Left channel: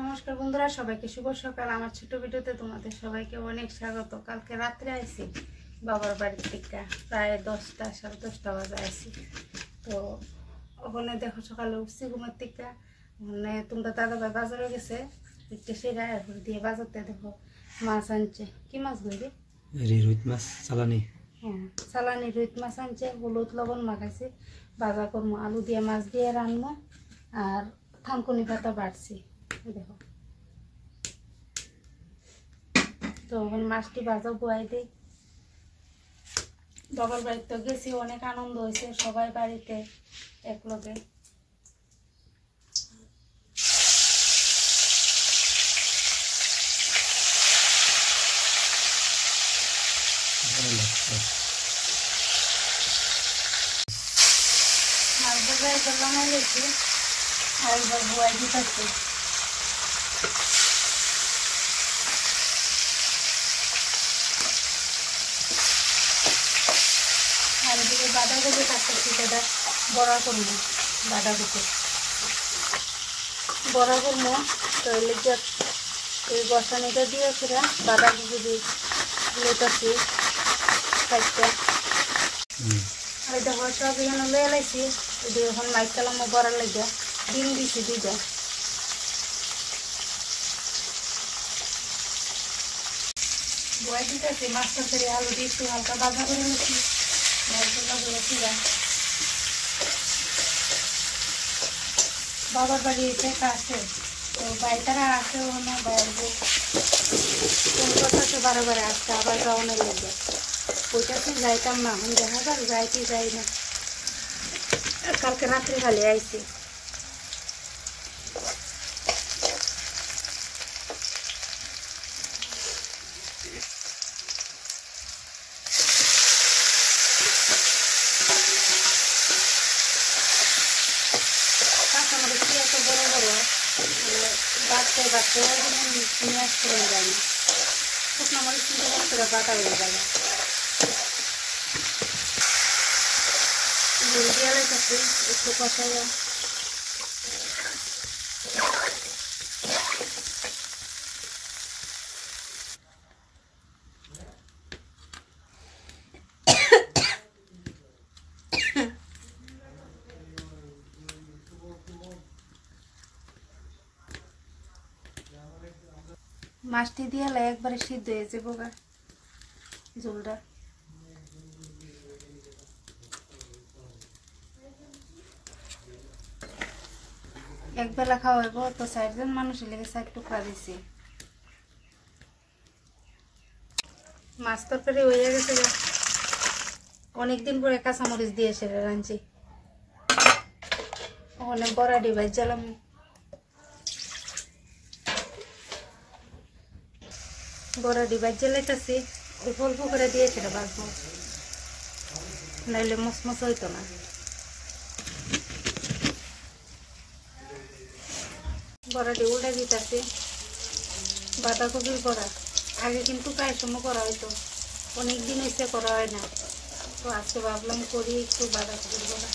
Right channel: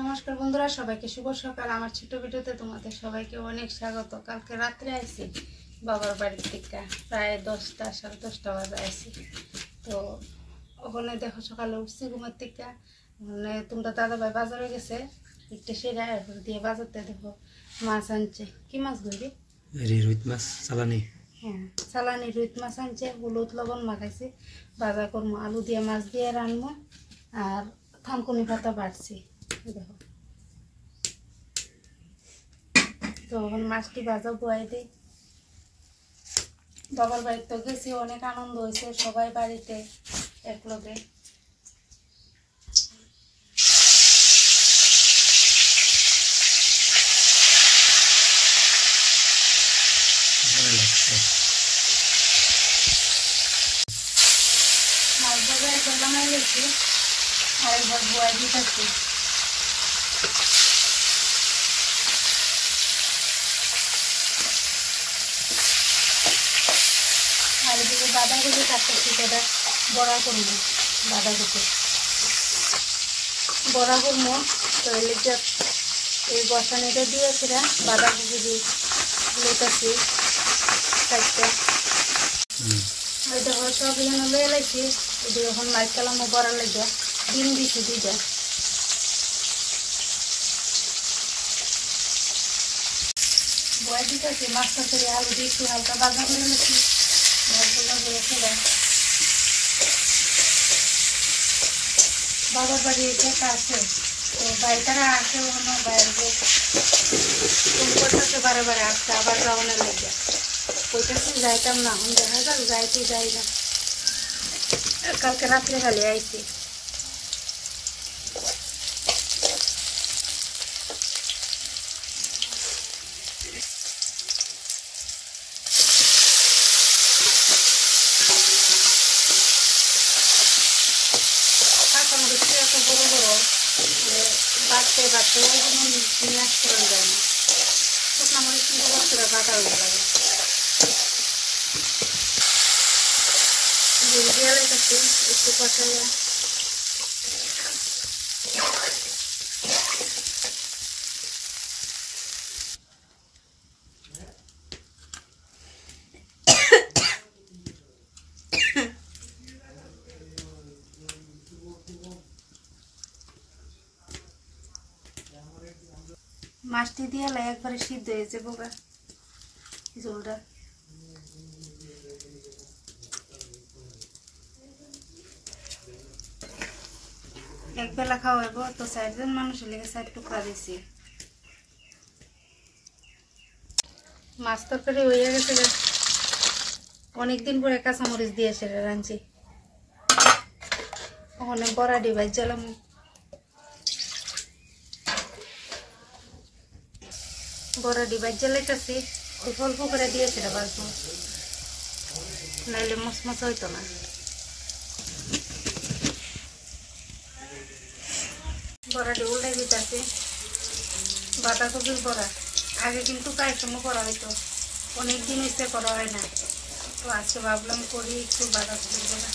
নমস্কার বন্ধুরা, সবাইকে শুভ সকাল। আমার ছোট ভিডিওতে তোমাদের সবাইকে অনেক স্বাগত। কালকে রাত্রে আইছি বাবার বাড়ির থেকে, প্রায় 10টা 10:30 বাজে আইছি। তো ওখানে দেখো সকালে উঠছি ঘুমের থেকে, মানে তোমরা দাদাভাই বাজারে গেছে, একটু সেরা দিয়ে বাজারতে দেখো মাছ আনছে। কি মাছ গইরে? রুই মাছ চালানি। হ্যাঁ, চালানি রুই মাছ আনছে। হলুদ লবণ মাখাইছি, বাজার করবো, আলু দিয়ে মাছ দিয়ে রানবো, আর থানকুনি পাতা বাড়ছি দেখো। তো এখন মাছটি ভাজা বয়াই দিই। বাবার বাড়িতে তো গেছি, অনেক আনন্দ হয়েছে, সবাই বাড়িতে একলগে। মাছ ভাজা একবার বানাই লেছি, আর একবার বয়াই দিতেছি। আর এদিকে বাঁধাকপি কাটতেছি, সেটা বড়া করবো। বাঁধাকপি বড়া করবো, তো এলে এই বসানিটা দিয়ে সেটা বাঁধাকপি দিয়ে লেটাছি চারটা। ওই দেখো সব এখানে লয়ে লাইছি। এদিকে এখন মাইক কালামও বড়া লাগিয়া ডিম দিছি 2টা। বয়া দিতেছি, মাছ তরকারি আলু দিয়ে একটু হালকা বাজা করে নিচ্ছি। বাবার বাড়ি এসে কাছে, তো বাড়িটারা আসে অন্য বাইরে ফোন করতেছে, বারে বারে আসছে, আবার যাওয়ানোর লেগে কইতেছে যাইতাম না। এখন দেখা যাক, যাইতে যাই না। কালকে রাত্রে খালি আইছি। বড় বড় বাড়তে বাড়তে নিয়ে আসতে যায় না, তখন আমার একটু বাটা হয়ে যাবে। দেয়ালের কাছে একটু কষাইয়া মাছটি দিয়ে একবারে সিদ্ধ হয়ে যাবো গা ঝোলটা। একবেলা খাওয়া হইব, তো 4 জন মানুষের লেগে 4 টুকরা দিছি। মাছ তরকারি হয়ে গেছে, অনেকদিন পরে কাঁচামরিচ দিয়ে সেটা রাঁধছি। ওখানে বড়া ডিবাই জ্বালাম, বড়া ডিবাই জ্বালাইতেছি। ওই অল্প করে দিয়ে সেটা বাজবো, নাইলে মচমচ হইতো না। বড়াটি উল্টে দিতেছি। বাঁধাকপির বড়া আগে কিন্তু প্রায় সময় করা হইতো, অনেকদিন এসে করা হয় না, তো আজকে ভাবলাম করি একটু বাঁধাকপির বড়া।